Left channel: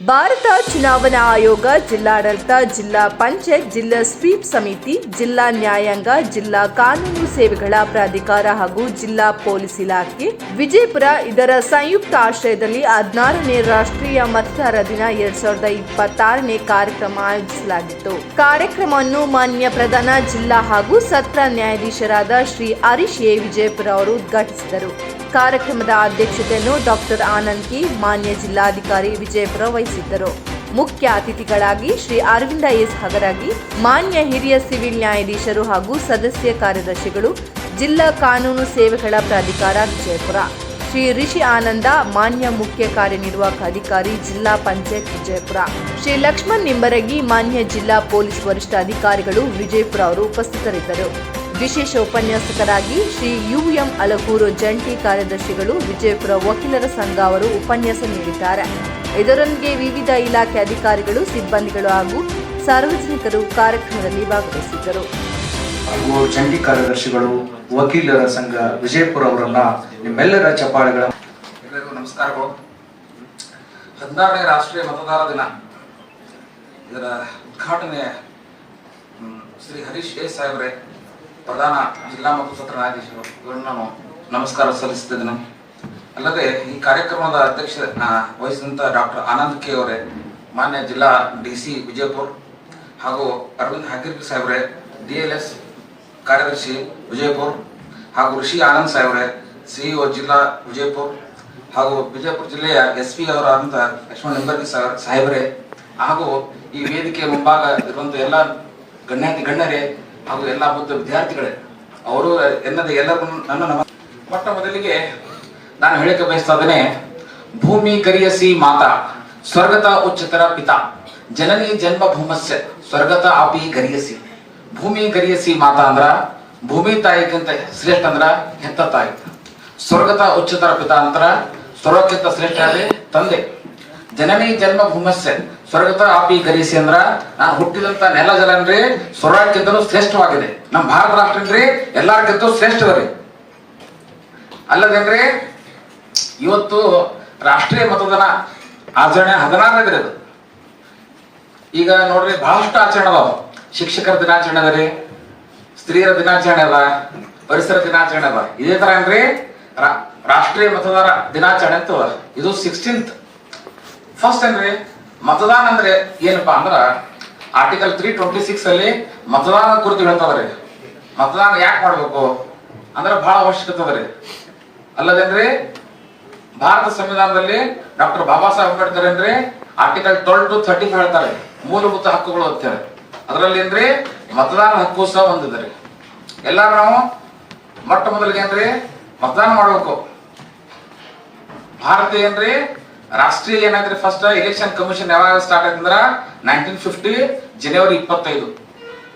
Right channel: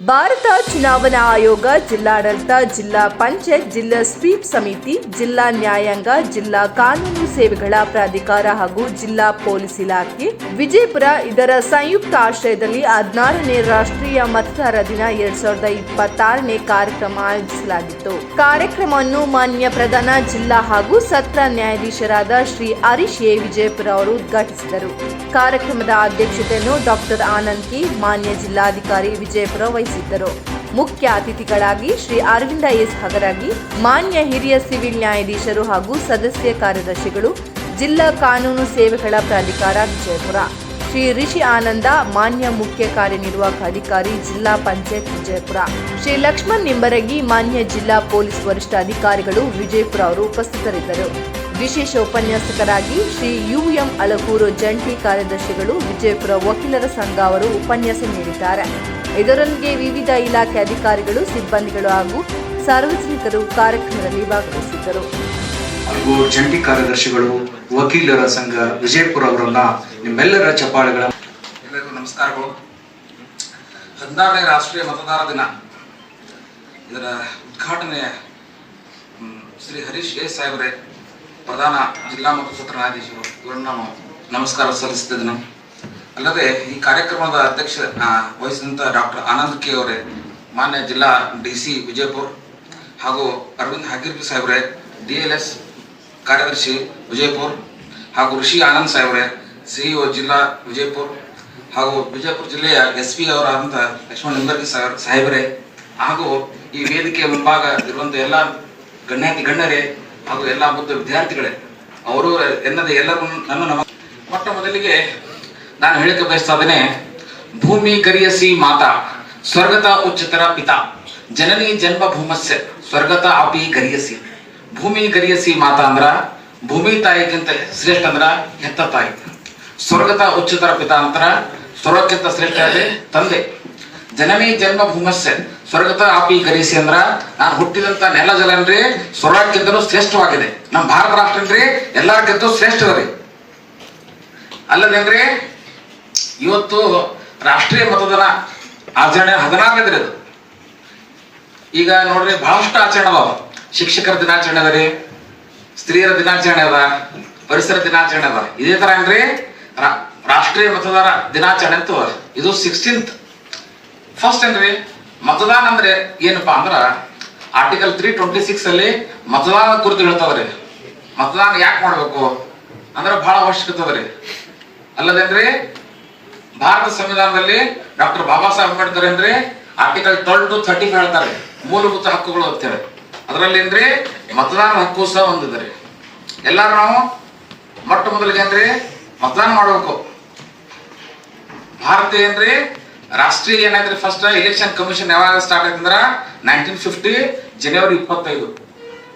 ಭಾರತ ಚುನಾವಣಾ ಆಯೋಗ, ಜಿಲ್ಲಾಡಳಿತ, ಜಿಲ್ಲಾ ಪಂಚಾಯತ್, ಜಿಲ್ಲಾ ಸ್ವೀಪ್ ಸಮಿತಿ, ಜಿಲ್ಲಾ ನ್ಯಾಯಾಂಗ, ಜಿಲ್ಲಾ ಕಾನೂನು ಸೇವೆಗಳ ಪ್ರಾಧಿಕಾರ ಹಾಗೂ ಜಿಲ್ಲಾ ಪೊಲೀಸ್ ಇಲಾಖೆ ವಿಜಯಪುರ ಇದರ ಸಂಯುಕ್ತ ಆಶ್ರಯದಲ್ಲಿ 16ನೇ ರಾಷ್ಟ್ರೀಯ ಮತದಾರ ದಿನ 2026ನೇ ಕಾರ್ಯಕ್ರಮ ಆಯೋಜಿಸಲಾಗಿತ್ತು. ಕಾರ್ಯಕ್ರಮವನ್ನು ಮಾನ್ಯ ಪ್ರಧಾನ ಜಿಲ್ಲಾ ಹಾಗೂ ಸತ್ರ ನ್ಯಾಯಾಧೀಶರಾದ ಶ್ರೀ ಹರೀಶ್ ಎ. ವಿಜಯಪುರ ಅವರು ಉದ್ಘಾಟಿಸಿದರು. ಕಾರ್ಯಕ್ರಮದ ಅಧ್ಯಕ್ಷತೆಯನ್ನು ಡಾಕ್ಟರ್ ಆನಂದ್ ಕೆ, ಮಾನ್ಯ ಜಿಲ್ಲಾಧಿಕಾರಿ ವಿಜಯಪುರ ವಹಿಸಿದ್ದರು. ಮುಖ್ಯ ಅತಿಥಿಗಳಾಗಿ ಶ್ರೀ ಅರವಿಂದ ಎಸ್ ಹಗರಗಿ, ಮಾನ್ಯ ಹಿರಿಯ ಸಿವಿಲ್ ನ್ಯಾಯಾಧೀಶರು ಹಾಗೂ ಸದಸ್ಯ ಕಾರ್ಯದರ್ಶಿಗಳು, ಜಿಲ್ಲಾ ಕಾನೂನು ಸೇವೆಗಳ ಪ್ರಾಧಿಕಾರ ವಿಜಯಪುರ, ಶ್ರೀ ರಿಷಿ ಆನಂದ, ಮಾನ್ಯ ಮುಖ್ಯ ಕಾರ್ಯನಿರ್ವಾಹಕ ಅಧಿಕಾರಿ, ಜಿಲ್ಲಾ ಪಂಚಾಯತ್ ವಿಜಯಪುರ, ಶ್ರೀ ಲಕ್ಷ್ಮಣ್ ನಿಂಬರಗಿ, ಮಾನ್ಯ ಜಿಲ್ಲಾ ಪೊಲೀಸ್ ವರಿಷ್ಠ ಅಧಿಕಾರಿಗಳು ವಿಜಯಪುರ ಅವರು ಉಪಸ್ಥಿತರಿದ್ದರು. ವಿಶೇಷ ಉಪನ್ಯಾಸಕರಾಗಿ ಶ್ರೀ ಯುಎಂ ಅಲಗೂರು, ಜಂಟಿ ಕಾರ್ಯದರ್ಶಿಗಳು, ವಿಜಯಪುರ ವಕೀಲರ ಸಂಘ ಅವರು ಉಪನ್ಯಾಸ ನೀಡಿದ್ದಾರೆ. ಇದರೊಂದಿಗೆ ವಿವಿಧ ಇಲಾಖೆ ಅಧಿಕಾರಿಗಳು, ಸಿಬ್ಬಂದಿಗಳು ಹಾಗೂ ಸಾರ್ವಜನಿಕರು ಕಾರ್ಯಕ್ರಮದಲ್ಲಿ ಭಾಗವಹಿಸಿದ್ದರು. ಹಾಗೂ ಜಂಟಿ ಕಾರ್ಯದರ್ಶಿಗಳು, ವಕೀಲರ ಸಂಘ ವಿಜಯಪುರ ಅವರನ್ನ ನಿಮ್ಮೆಲ್ಲರ ಚಪ್ಪಾಳೆಗಳ ಎಲ್ಲರಿಗೂ ನಮಸ್ಕಾರಗಳು. 16ನೇ ರಾಷ್ಟ್ರೀಯ ಮತದಾರ ದಿನ ಇದರ ಉದ್ಘಾಟನೆ ಶ್ರೀ ಹರೀಶ್ ಎ ಸಾಹೇಬ್ರೆ, ಪ್ರಧಾನ ಜಿಲ್ಲಾ ಮತ್ತು ಸತ್ರ ನ್ಯಾಯಾಧೀಶರು, ಇವರನ್ನು ನಾನು ನಮಸ್ಕಾರ ಸಲ್ಲಿಸುತ್ತಿದ್ದೇನೆ. ಅಲ್ಲದೆ ಈ ಕಾರ್ಯಕ್ರಮದ ಅಧ್ಯಕ್ಷ ವಹಿಸಿದಂಥ ಡಾಕ್ಟರ್ ಆನಂದ್ ಕೆ ಅವರೇ, ಮಾನ್ಯ ಜಿಲ್ಲಾ DC ವಿಜಯಪುರ, ಹಾಗೂ ಅರವಿಂದ್ ಹಗರ್ಗಿ ಸಾಹೇಬ್ರೆ, DLS ಕಾರ್ಯದರ್ಶಿ ವಿಜಯಪುರ, ಹಾಗೂ ಋಷಿ ಆನಂದ್ ಸಾಹೇಬ್ರೆ, CEO ಜಿಲ್ಲಾ ವಿಜಯಪುರ, ಹಾಗೂ ವಿಜಯಪುರ ಜಿಲ್ಲೆಯ SP ಅವರಾದಂಥ ಲಕ್ಷ್ಮಣ್ ನಿಂಬರ್ಗಿ ಸಾಹೇಬ್ರೆ, ಹಾಗೂ ಈ ವೇದಿಕೆ ಮುಂಭಾಗ ಇರುವಂಥ ಎಲ್ಲ ಗಣ್ಯಾತಿ ಗಣ್ಯರೇ ಹಾಗೂ ಎಲ್ಲ ಬುದ್ಧ ವಿದ್ಯಾರ್ಥಿಗಳೇ, ಅವರು ಎನ್ನದೇ ಎಲ್ಲರೂ ನನ್ನ ಮೊಟ್ಟ ಮೊದಲಿಗೆ ನಾನು ಹೇಳಿಕೆ ಬಯಸ್ತಾ ಇದ್ದೇನೆ. ಭೂಮಿ ಗರಿಯಸಿ ಮಾತಾ ಸ್ವರ್ಗತ ಉಚ್ಚತರ ಪಿತಾ ಜನನಿ ಜನ್ಮ ಭೂಮಸ್ಯ ಸ್ವರ್ಗತ ಆಪಿ ಗರಿಯಸಿ. ಭೂಮಿ ಗರಿಯಸಿ ಮಾತಾ ಅಂದ್ರ ಭೂಮಿ ತಾಯಿಗಿಂತ ಶ್ರೇಷ್ಠ ಅಂದ್ರ ಹೆತ್ತ ತಾಯಿ. ಸ್ವರ್ಗತ ಉಚ್ಚತರ ಪಿತಾ ಅಂತರ ಸ್ವರ್ಗಕ್ಕಿಂತ ಶ್ರೇಷ್ಠ ಅದೇ ತಂದೆ. ಜನನಿ ಜನ್ಮ ಭೂಮಸ್ಯ ಸ್ವರ್ಗತ ಆಪಿ ಗರಿಯಸಿ ಅಂದ್ರ ನಾನು ಹುಟ್ಟಿದಂತ ನೆಲ ಜಲ ಅಂದ್ರೆ ಸ್ವರ್ಗಕ್ಕಿಂತಲೂ ಶ್ರೇಷ್ಠವಾಗಿದೆ. ನಮ್ಮ ಭಾರತ ರಾಷ್ಟ್ರ ಅಂದ್ರೆ ಎಲ್ಲಾರ್ಕಿಂತ ಶ್ರೇಷ್ಠದರಿ. ಅಲ್ಲದೇನ್ರಿ ಇವತ್ತು ರಾಷ್ಟ್ರೀಯ ಮತದಾನ ಆಚರಣೆ 16ನೇದ್ರಿ. ಅದು ಈಗ ನೋಡ್ರಿ ಬಹಳಷ್ಟು ಆಚರಣೆ ಅದಾವ. ಶಿಕ್ಷಕರ ದಿನಾಚರಣೆ ಅದ ರೀ, ಸ್ತ್ರೀಯರ ದಿನಾಚರಣೆ ಅದ, ಪರಿಸರ ದಿನಾಚರಣೆ ಅದ. ಇದೇ ತರ ಏನ್ರಿ ರಾಷ್ಟ್ರೀಯ ಮತದಾರ ದಿನಾಚರಣೆ ಅಂತ ಇದು 16th. ಫಸ್ಟ್ ಏನ್ರಿ ಮತದಾನ ಅಂದ್ರೆ ಏನಪ್ಪಾ ಅಂದ್ರ ಆರ್ಟಿಕಲ್ 326 ಅಲ್ಲಿ ಮತದಾನ ಕುರಿತು ಹೇಳ್ತಾವ್ರಿ. ಮತದಾನ ಯಾಕೆ ಮಾಡ್ಬೇಕು ಅಂದ್ರ ಬಹಳ ಅವಶ್ಯಕತೆ ಅದರಿ. ಅಲ್ಲದೇನ್ರಿ ಭಾರತ ಸಂವಿಧಾನದಲ್ಲಿ ಡಾಕ್ಟರ್ ಬಾಬಾ ಸಾಹೇಬ್ ಅಂಬೇಡ್ಕರ್ ಏನ್ರಿ ಆರ್ಟಿಕಲ್ 12 to 35 ಹೇಳ್ತಾರೆ, ಮೂಲಭೂತ ಹಕ್ಕುಗಳು ಅಂತೇಳಿ. ಅದರಲ್ಲಿ ಏನ್ರಿ ಮತದಾನ ಹಕ್ಕು ಸಹ ಹೊಂದಿದ್ರಿ. ಎಲ್ಲಾರು ನಾವು ಮೊಟ್ಟ ಮೊದಲಿಗೆ ಏನ್ರಿ ಮತದಾನ ಮಾಡ್ಬೇಕು. ಭಾರತ ಏನ್ರಿ ರಾಷ್ಟ್ರೀಯ ಏನಾದ್ರಿ ಫಸ್ಟ್ ಎಲೆಕ್ಷನ್ ಕಮಿಷನ್ ಯಾವಾಗ ಸ್ಟಾರ್ಟ್ ಆಯ್ತಂದ್ರ 1950 ಜನವರಿ 25.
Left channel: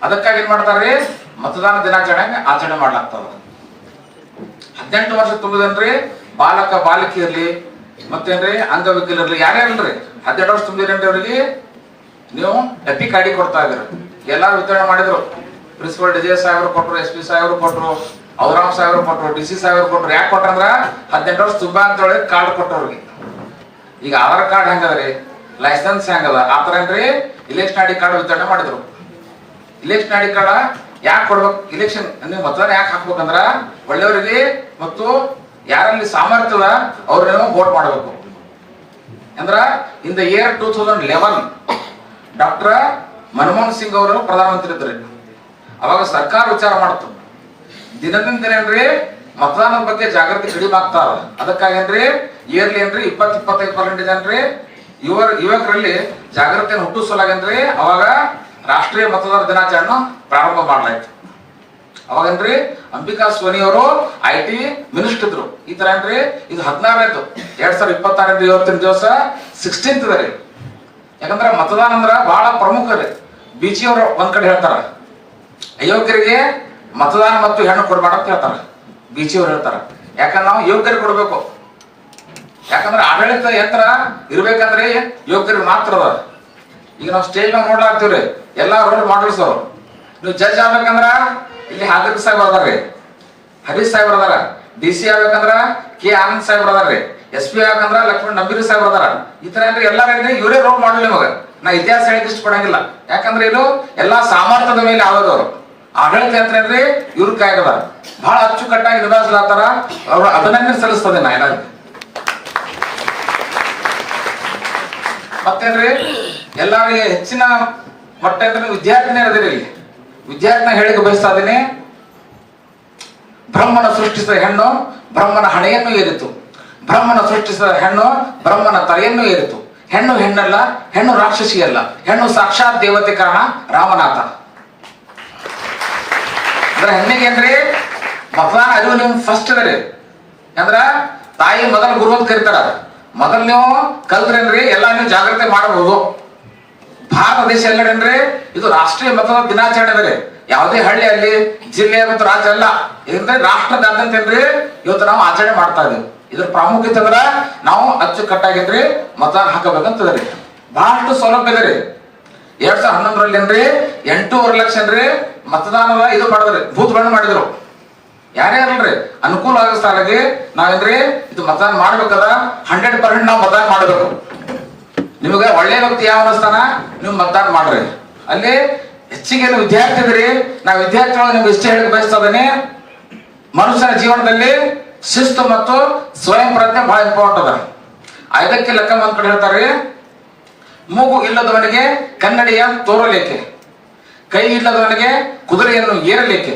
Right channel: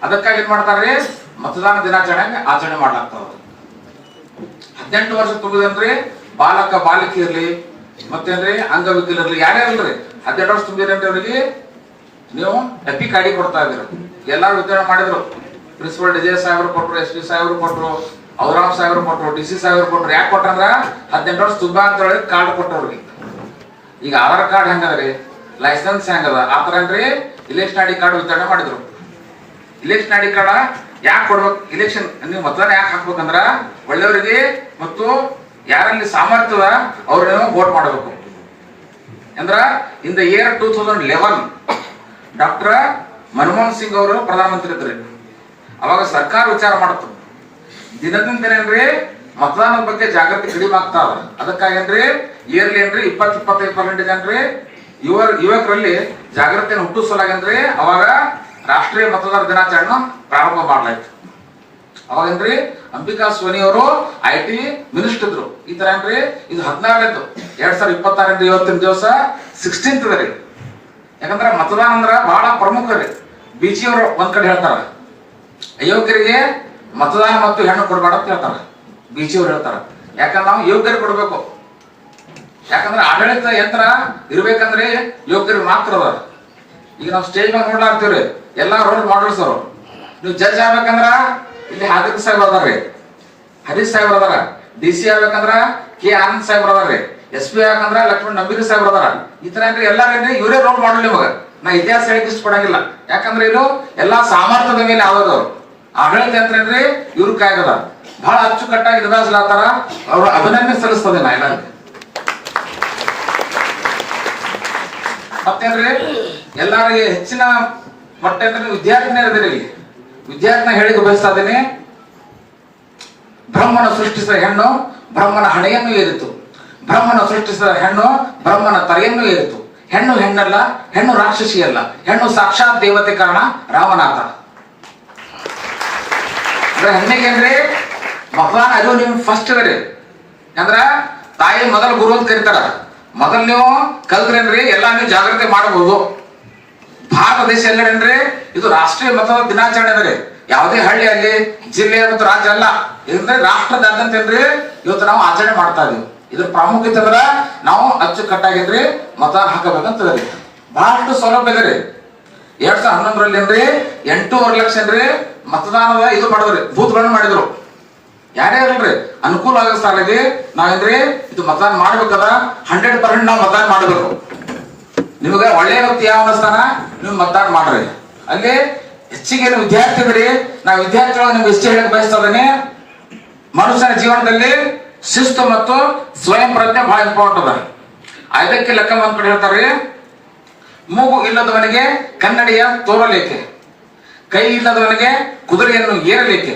ಅದಕ್ಕಾಗಿ ಏನ್ ಮಾಡ್ತಾರ್ರಿ ಮತದಾನ ದಿನಾಚರಣೆ ಆಚರಣೆ ಮಾಡ್ಲಾಗ್ತಾವ. 18 ವರ್ಷ ತುಂಬಿದನ್ರಿ ಬಾಲಕ ಬಾಲಿಕೆ ಇರ್ಲಿ ಮತ್ತೇನ್ರಿ ಅಂಗವಿಕಲರ್ಲಿ ಯಾರ್ಯಾರಲ್ರಿ 12 ವರ್ಷ ತುಂಬಿದ್ರೇನ್ರಿ ಅವ್ರಿಗೆ ನೀವು ಎಪಿಕ್ ಐಡಿ ಕೊಡ್ತಾ ಇದ್ದೀರ. ಎಲ್ಲಾರು ವಿತರಣೆ ಮಾಡಿದ್ರು. ಪ್ರಿನ್ಸಿಪಲ್ DJ ಸಾಹೇಬ್ರು ಕೊಟ್ರು, SP ಸಾಹೇಬ್ರು ಕೊಟ್ರು, ಔರಾಮ್ ಸಾಹೇಬ್ರು ಕೊಟ್ರು, DC ಸಾಹೇಬ್ರು ಕೊಟ್ರು. ಯಾಕೆ ಕೊಟ್ರಂದ್ರ 18 ವರ್ಷ ತುಂಬ ಅಂತ ಹೇಳಿ ಕಾರ್ಡ್ ಕೊಟ್ಟವ್ರಿಗೆ. ಈಗ ಆಧಾರ್ ಕಾರ್ಡ್ ಹೆಂಗದ್ರಿ, ಲೈಸೆನ್ಸ್ ಹೆಂಗದ, ಆತರ ಏನ್ರಿ ಇಲೆಕ್ಷನ್ ಐಡಿ ಕಾರ್ಡ್ ವಿತರಣೆ ಮಾಡಿದ್ರು. ಇಲೆಕ್ಷನ್ ಐಡಿ ಕಾರ್ಡ್ ಯಾಕೆ ಕೊಡ್ಬೇಕು, ಇಲೆಕ್ಷನ್ ನೀವು ಮತದಾನ ಯಾಕೆ ಹಾಕ್ಬೇಕಂದ್ರ ಒಳ್ಳೆಯವರಿಗೆ ಮತ್ತು ಯಾರಲ್ಲಿ ಸಾಮರ್ಥ್ಯದ ಅವ್ರನ್ನ ವೋಟ್ ಮಾಡಬೇಕು. ಅಂದ್ರ in the year 2011 doctor Manmohan Singh ಅವರು ಪ್ರಧಾನಮಂತ್ರಿ ಇದ್ರಿ. ಅವಾಗ ಸರ್ಕಾರ ವಿಚಾರ ಮಾಡ್ತು ದಿನದಿಂದ ದಿನ ಏನ್ರಿ ಮತದಾನದ ಬಗ್ಗೆ ಜಾಗೃತಿ ಕಡಿಮೆ ಆಗ್ತಾ ಅದ. ಅದಕ್ಕಾಗಿ ಏನ್ರಿ ಇಯರ್ಲಿ ಏನ್ರಿ 20-25% ಏನ್ರಿ ಯುವಕರಲ್ಲಿ ಜಾಗೃತಿಯನ್ನು ಹುಟ್ಟಿಸಲಾಗೇನ್ರಿ ಅವಾಗ ರಾಷ್ಟ್ರೀಯ ಮತದಾರ ದಿನಾಚರಣೆ ಪ್ರಾರಂಭ ಮಾಡಲಾಯ್ತು. ಅವಾಗೇನ್ರಿ ಅಂಬಿಕಾ ಸೋನಿ ಅವರು IT ಮಿನಿಸ್ಟರ್ ಇದ್ರು. ಈ ತರ ಏನ್ರಿ ಇದು 16ನೇದು 2026 ಇವತ್ತಿನ ದಿವಸ 16th ರೀ. ಯಾಕಂದ್ರ ಮತದಾನ ಅಂದ್ರ ಬಹಳ ಪ್ರಮುಖ ರೀ. BG ಅವರು ಒಂದ್ ಕಡೆ ಹೇಳ್ತಾರ ಅಯೋಗ್ಯರಿಗೆ ಮತದಾನ ಮತ್ತು ಹೆಣ್ಣು ಕೊಡ್ಬೇಡ ಅಂತ ಹೇಳ್ತಾರ. BG ಅವ್ರು ಹೇಳ್ತಾರ ಯಾಕಂದ್ರೆ ನಾವು ಯೋಗ್ಯರಿಗೆ ಕೊಡ್ಬೇಕು. ಯಾಕಂದ್ರೆ ಆಡಳಿತ ಯಂತ್ರ ಇರ್ಬೇಕಂದ್ರೆ ಯೋಗ್ಯರಿಗೆ ಮಾತ್ರ ಅದ. ಈಗ ನಾವು ಸ್ಟೇಜ್ ಮ್ಯಾಗ ನೋಡ್ಲಾಗ್ತೀವ್ರಿ ಎಲ್ಲಾ ರೋಲ್ ಮಾಡಲ್ಸ್ ಅವರು. ನೀವು ಜಡ್ಜ್ ಆಗ್ಬೇಕಂದ್ರ ಇಲ್ಲಿ ಹಾಜರ್ ಸಾಹೇಬ್ ಅದಾರ್ರಿ, ಹರೀಶ್ ಸಾಹೇಬ್ರ ಅದಾರ. DC ಆಗ್ಬೇಕಂದ್ರ K ಆನಂದ್ ಸಾಹೇಬ್ರ ಅದಾರ್ರಿ. SP ಯಾಕಂದ್ರ ಲಕ್ಷ್ಮಣ್ ನಂಬೀರಿ ಸಾಹೇಬ್ರ ಅದಾರ. ಈ ತರ ಏನ್ರಿ ಎಲ್ಲಾರೇನ್ರಿ ಇವರೇ ರೋಲ್ ಮಾಡಲಿ ನಿಮಗ. ನಾ ಇತಿಹಾಸ ಹೇಳಕ್ ಇಷ್ಟ ಪಡಂಗಿಲ್ಲ, ಯಾಕಂದ್ರೆ ಇದು ಎಲ್ಲಾ ಸಾಮರ್ಥ್ಯದ ಮೇಲೆ ಆಗೋದು. ಆಡಳಿತ ಯಂತ್ರ ಏನ್ರಿ ಇವ್ರ ಕೈಯಾಗದ. ಬಹಳ ಅಚ್ಚುಕಟ್ಟಾಗಿ ನಿಭಾಯಿಸ್ಲಾತಾರ. ಅವ್ರ ಅಭಿನಂದನೆ ಸಲ್ಲಿಸ್ತದೆ ನಾ ಎಲ್ಲರಿಗೂ. ಮತ್ತೇನ್ರಿ ಎಲ್ಲರಿಗೆ ಹೆಚ್ಚಿನ ಮಟ್ಟ ವಿದ್ಯಾರ್ಥಿನೇ ಇರದಿರಿ. ವಿದ್ಯಾರ್ಥಿನ ಹೇಳಿಕೆ ಬಯಸ್ತಾ ಇದ್ದೀನಿ. ಬ್ರಹ್ಮನ ಸೃಷ್ಟಿಸಿದ ಹೆಣ್ಣು ಬ್ರಹ್ಮನ ಹಣೆಯನ್ನು ಏರಿತು. ಬ್ರಹ್ಮನ ಸೃಷ್ಟಿಸಿದ ಹೆಣ್ಣು ಬ್ರಹ್ಮನ ತಲೆಯನ್ನು ಏರಿತು. ಹೆಣ್ಣು ಹೆಣ್ಣಲ್ಲ, ಹೆಣ್ಣು ರಾಕ್ಷಸಿ ಅಲ್ಲ, ಹೆಣ್ಣು ಸಾಕ್ಷಾತ್ ದೇವತೆ ಕಾರಣ ರಾಮನಾಥ. ಅಂದ್ರೆ ಹೆಣ್ಣಿಗೆ ಏನ್ರಿ ಮತದಾನ ಅರಿವು ನಿಮ್ ಫಸ್ಟ್ ಅದರಿ. ಅಂದ್ರ ತಾಯಿ ಮೊದಲ ಗುರು ಅಂತ ಕರೀತಾರ. ಮೊದಲು ನೀವು ಕಲ್ತ್ರೇನ್ರಿ ಎಲ್ಲಾ ನೀವು ಜಾಗ್ರತೆ ಮಾಡಬಹುದು. ಭಾರತ ದೇಶ ಎಲ್ಲೇನ್ರಿ ಇದು ರಾಷ್ಟ್ರೀಯ ಮತದಾನ ದಿನಾಚರಣೆ ಅದರಿ. ಯಾವುದೇ ಹಳ್ಳಿ ಅಲ್ಲಿ ಜಿಲ್ಲೆ ಮತ್ತು ರಾಜ್ಯ ಅಲ್ಲ, ಇದ್ರೆ ರಾಷ್ಟ್ರದಾದ್ಯಂತ ಏನ್ರಿ ಇವತ್ತು ನಾವು ಆಚರಣೆ ಮಾಡ್ತಾ ಇದೀವಿ. ಇದ್ರ ಪ್ರಾಮುಖ್ಯತೆ ಅಂದ್ರ ನಾವು ಅಚ್ಚುಕಟ್ಟಾಗಿದ್ರಿ ಮತದಾನ ಹಾಕಬೇಕಂತದ್ರಿ. ಬಹಳಷ್ಟು ಸೌಲಭ್ಯ ಇದರಿ. 2011ರಲ್ಲಿ ಏನ್ರಿ 8.5 ಲಕ್ಷ ಏನ್ರಿ ಮತದಾನದ ಇದು ಮಾಡಿದ್ರಿ, ಬೂತ್ಗಳನ್ನು ಮಾಡಿದ್ರು. ಯಾರೇ ಇರಲ್ರಿ ಅನುಕೂಲ ಆಗೋ ಸ್ಥಳಕ್ಕೆ ನಾವೇನ್ರಿ ಇದು ಮತದಾನ ಮಾಡ್ಬೇಕದ 100% ನಾವು ಮತದಾನ ಮಾಡಬೇಕು. ನಿಮ್ಗೆ ಒಳ್ಳೆ ವ್ಯಕ್ತಿ ಯಾವ ಅನಿಸ್ತಾನ ನೀವು ಮತದಾನ ಮಾಡ್ರಿ. ಅಲ್ಲಿ ಹೆಚ್ಚಿಗೆ ವಿದ್ಯಾರ್ಥಿ ಇದ್ರಿ. ನಾವು ವಿದ್ಯಾರ್ಥಿಗಳು ನಿಮ್ಗೆ ಇಷ್ಟ ಹೇಳಕ್ ಬಯಸ್ತಾ ಇದ್ದೀನಿ. ಮನುಷ್ಯನ ಜೀವನದಲ್ಲಿ ಶಿಸ್ತು ಮತ್ತು ಸ್ವಯಂ ಪ್ರಜ್ಞೆ ಬಹಳ ಇಂಪಾರ್ಟೆಂಟ್ ಅದ. ಇದಕ್ಕೆ ಲೆಕ್ಕ ಒಂದ್ ಕಡೆ ಹೇಳ್ತಾರೆ, ಮೂಗು ಇಲ್ಲದವನಿಗೆ ಕನ್ನಡಿಯ ತೋರಲೇಕೆ, ಕೈ ಇಲ್ಲದವನಿಗೆ ಕುದುರೆಯನ್ನು ಏರಲೇಕೆ,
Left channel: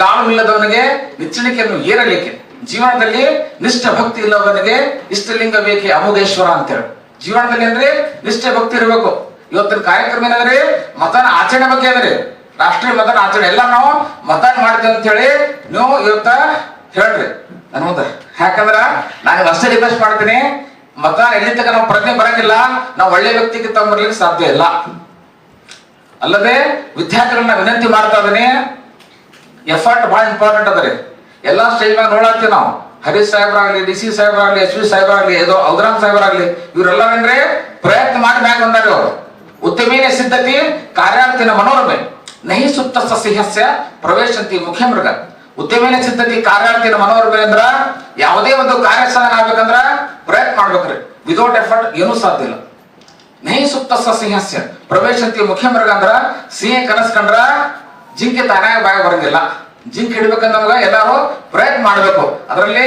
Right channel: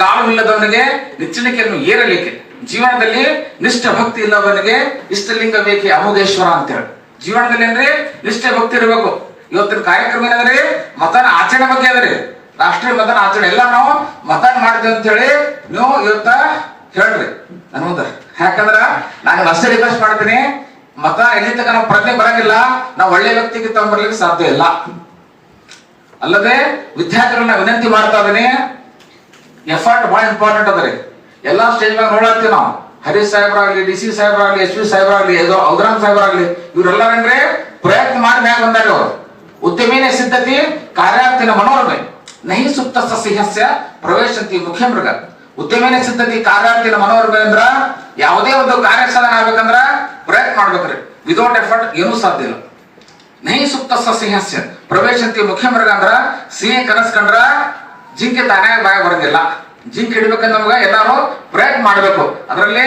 ಕಾಲು ಇಲ್ಲದವನಿಗೆ ನಿಚ್ಚಣಿಕೆಯನ್ನು ಏರಲೇಕೆ, ಜೀವನದಲ್ಲಿ ನಿಷ್ಠ ಭಕ್ತಿ ಇಲ್ಲದವನಿಗೆ ಇಷ್ಟಲಿಂಗ ಬೇಕೆ ಅಮೋಘೇಶ್ವರ ಅಂತೇಳಿ. ಜೀವನದಲ್ಲಿ ಅಂದ್ರೆ ನಿಷ್ಠೆ ಭಕ್ತಿ ಇರಬೇಕು. ಇವತ್ತಿನ ಕಾರ್ಯಕ್ರಮ ಏನಂದ್ರೆ ಮತದಾನ ಆಚರಣೆ ಬಗ್ಗೆ ಅದರಿ. ರಾಷ್ಟ್ರೀಯ ಮತದಾನ ಆಚರಣೆ ಎಲ್ಲ ನಾವು ಮತದಾನ ಮಾಡಿದ್ವಿ ಅಂತ ಹೇಳಿ ನೀವು ಇವತ್ತ ಹೇಳ್ರಿ ನನ್ ಮುಂದೆ. ಯಾಕಂದ್ರ ನಾನು ಅಷ್ಟೇ ರಿಕ್ವೆಸ್ಟ್ ಮಾಡ್ತೀನಿ, ಮತದಾನ ಎಲ್ಲಿ ತನಕ ನಾವು ಪ್ರಜ್ಞೆ ಬರಂಗಿಲ್ಲ, ನಾವು ಒಳ್ಳೆ ವ್ಯಕ್ತಿಗೆ ತಗೊಂಡ್ಬರ್ಲಿಕ್ಕೆ ಸಾಧ್ಯ ಇಲ್ಲ. ಅಲ್ಲದೆ ವಿದ್ಯಾರ್ಥಿಗಳನ್ನ ವಿನಂತಿ ಮಾಡ್ತಾ ಇದೀನಿ, ಎಫರ್ಟ್ ಬಹಳ ಇಂಪಾರ್ಟೆಂಟ್ ಅದರಿ. ಎಲ್ಲಾ ಸ್ಟೇಜ್ ಮ್ಯಾಗ ನೋಡತ್ತೀವಿ ನಾವು. ಹರೀಶ್ ಸಾಹೇಬ್ರಾಗ್ಲಿ, DC ಸಾಹೇಬ್ರಾಗ್ಲಿ, SV ಸಾಹೇಬ್ರಾಗ್ಲಿ, ಔದ್ರಾಮ್ ಸಾಹೇಬ್ರಾಗ್ಲಿ, ಇವರೆಲ್ಲ ಅಂದ್ರೆ ಪ್ರಯತ್ನ ಮಾಡಿ ಮ್ಯಾಗ ಬಂದಾರ. ಅವರು ಉದ್ಯಮಿನ ಸಿದ್ಧತೆ ಕಾರ್ಯಾರ್ಥಿನ ಮನೋರಮೆ ನಹಿ ಸುತ್ತ ಸಿಂಹಸ್ಯ ಪ್ರವೇಶಂತಿ ಮುಖ್ಯ ಮೃಗ. ಉದ್ಯಮಿನ ಸಿದ್ಧತೆ ಕಾರ್ಯಾರ್ಥಿನ ಮನೋರಮೆ ಅಂದ್ರ ಯಾವುದೇ ಒಂದು ಕಾರ್ಯ ಸಾಧನೆ ಆಗ್ಬೇಕಂದ್ರ ಪ್ರಯತ್ನ ಮಾಡ್ಬೇಕ್ರಿ. ವಿದೌಟ್ ಎಫರ್ಟ್ ಏನೂ ಸಾಧ್ಯ ಇಲ್ಲ. ನಹಿ ಸುತ್ತ ಸಿಂಹಸ್ಯ ಪ್ರವೇಶಂತಿ ಮುಖ್ಯ ಮೃಗ ಅಂದ್ರ ಸಿಂಹ ಕನಸ್ಕಂಡ್ರ ಜಿಂಕೆ ತಾನೇ ಬಾಯ ಬರಂಗಿಲ್ಲ. ಜಿಂಕೆ ಹಿಡ್ಬೇಕಂದ್ರೆ ನಮ್ಗ ಎಲ್ಲಾರು ಪ್ರಯತ್ನ ಮಾಡ್ಬೇಕು. ಅದರಲ್ಲಿ